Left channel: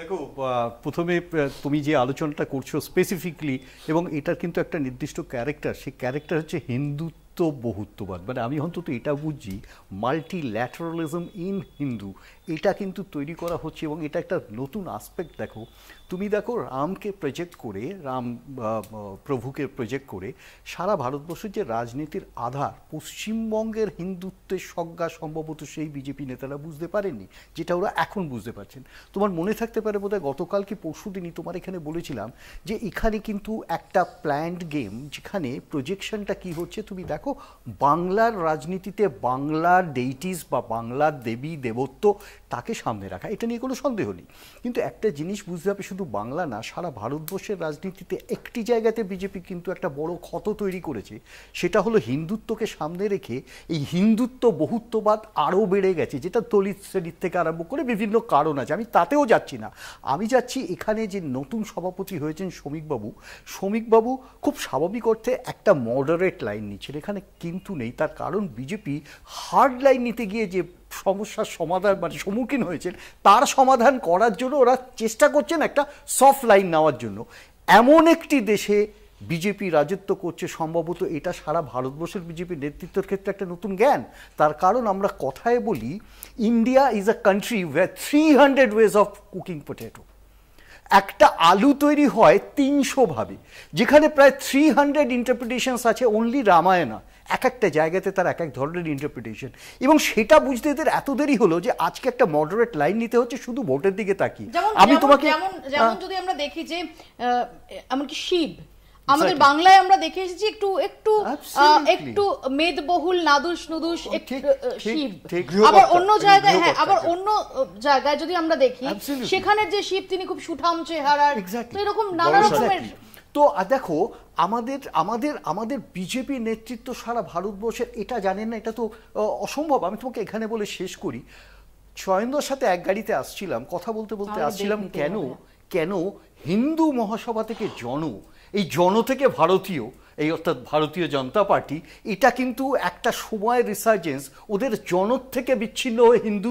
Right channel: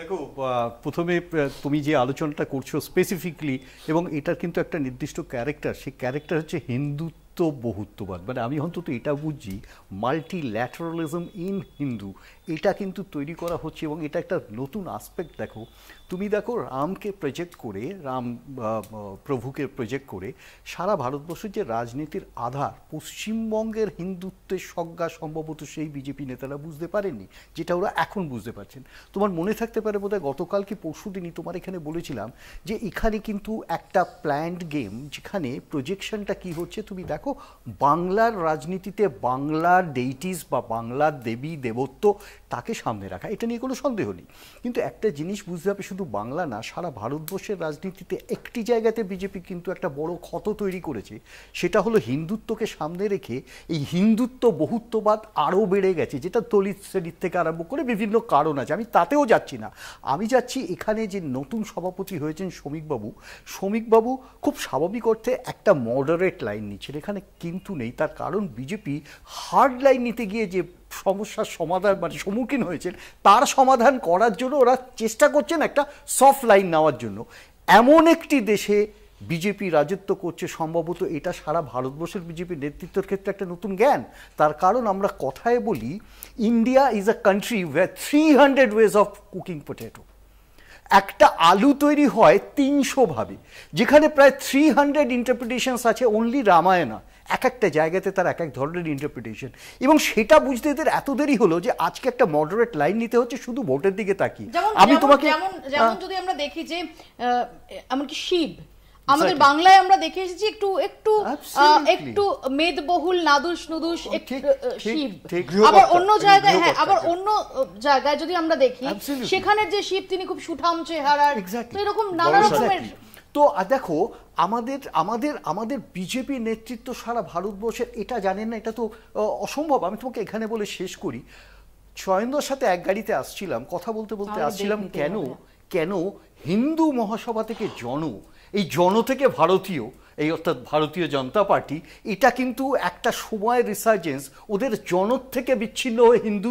দেখো, প্রথমে তুমি যে আলোচনাটা করছো স্পেসিফিকলি, এবং এটার কিন্তু একটা নির্দিষ্ট ক্যারেক্টার, সেই ক্যারেক্টার হচ্ছে হিন্দুত্ব বহুত্ববাদ। মানে আমি অন্তত এটা বুঝছি, মাল্টিল্যাটারালিজম ইন হিন্দু, এটা কিন্তু তৈরি করা হচ্ছে, এবং এটা একটা নতুন আসপেক্ট। দেখো, তুমি দেখো রামকে প্রজেক্ট করে, রাম প্রভুকে প্রজেক্ট করে সারা ভারতবর্ষের যে রাজনীতির আধার, পশ্চিমবঙ্গের হিন্দুত্বের সংজ্ঞা সম্ভবত সেই বিজেপি নেতারা বুঝতে পারেননি, যেটা ওরা এখন বুঝতে পারছেন। তোমার মনে থাকতে পারে বোধহয় গতকাল কি পরশু দিনই তোমার এখানে বলেছিলাম যে এখানে কিন্তু একটা প্ল্যান্ড গেম, যেখানে প্রজেকশনটা কি হচ্ছে তুমি দেখো, বাংলার রাজনীতিতে বাংলার ডেইটিস বা বাংলার দেবী দেবত্ব তাকে সামনে রাখা, এটা নিয়ে কোনো সন্দেহ নেই। কিন্তু একটা জিনিস বুঝতে হবে, শুধু বাংলা না, সারা ভারতবর্ষের রাজনীতিতে একটি জায়গাতে বিজেপি কিন্তু একটা বড় ক্ষত তৈরি করেছে, সেটা হলো হিন্দুত্বকে সামনে রেখে এই হিন্দুত্ব বহুত্ববাদ আরও বেড়ে গেছে, যেটা দলিত শ্রেণীর থেকে আরম্ভ করে বিভিন্ন কারণ আছে, আমি তাতেও যাচ্ছি না। আমি যাচ্ছি এখানে যে নতুন সভাপতি হয়েছেন শ্রমিকবাবু খুব স্বাভাবিক অর্থে একটা মডারেট লাইন নিচ্ছেন, এখানে কিন্তু নেই। তার কারণ বিজেপি হার্ড লাইন নিতে গিয়ে যে সমস্যার সমাধান মানে সম্মুখীন হয়েছেন, তার সমাধান করার জন্য ওরা চেষ্টা করছেন একটা সফট লাইন নেওয়ার জন্য। এমন একটি দেশে বিজেপি রাজত্ব করছে, সম্ভবত এটা সারা ভারতবর্ষের বিজেপির নেতৃত্বের ক্ষেত্রে একটা নতুন জ্ঞান। তার কারণ আমরা কথায় বলি, India is a country where 300 ways of cooking potato. একটা আলু তৈরি হয় 300 ভাবে, যেখানে প্রায় 300 ইন্টারপ্রিটেশনস আছে অনলি রামায়ণা। এক একটা জায়গাতে তার এক এক ধরনের ইন্টারপ্রিটেশন, এবং সেটা বুঝতে এদের এত দেরি হলো যে আজকে একটা মডারেট লাইন নিতে হচ্ছে শুধু ভোটের দিকে তাকিয়ে। আমি তোমাকে যেমন যদি আমরা দেখি যে এমনকি শিব, আমাদের বাংলায় আমরা দেখে এসেছি একটু একটু একটু মেদবহুল, নাদুস নুদুস শিব। আবার অন্য জায়গায়, হ্যাঁ, আবার অন্য জায়গায় যদি আমরা দেখি, সেখানের যে শিব তিনি খুব সুঠাম চেহারার, এরকম নানা রকমের। তো দেখো, আমাদের বিজেপি নেতৃত্ব সারা ভারতবর্ষের এটা জানেন না, এটা তো অসম্ভব। আমি তোমাকে এখানে বলে শেষ করি, শয়নদার সাথে এক গাড়িতে আসছিলাম, কথা বলতে বলতে আসছিলাম, কেন হিন্দু মহাসভা থেকে এই জন থেকে ভারতীয়, এই অর্থাৎ ভারতীয় জনতা পার্টি, এটা কিন্তু একটা সময়ের রিসার্জেন্স, ওদের জন থেকে বিচ্ছিন্ন হয়ে হিন্দু